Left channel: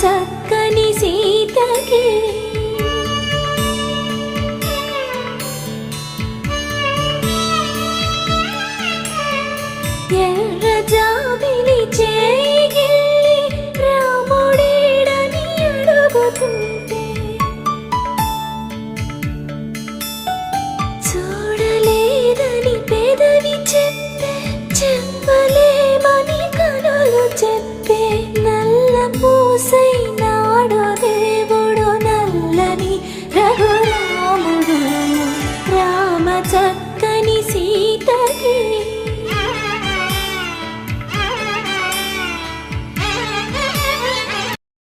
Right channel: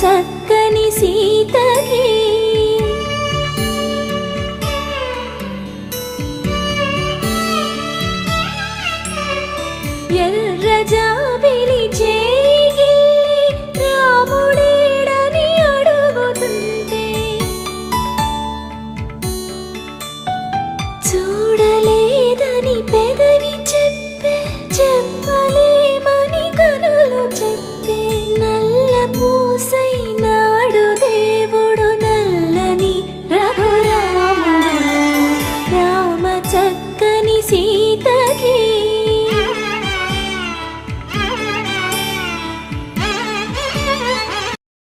చక్కని సీతకి ఎర్ర జాబిలి చేయి రాముడేడని అడుగుతుంటే చూడలేదని పెదవి చెప్పే చెప్పలేమని కనులు చెప్పే నల్ల పూసై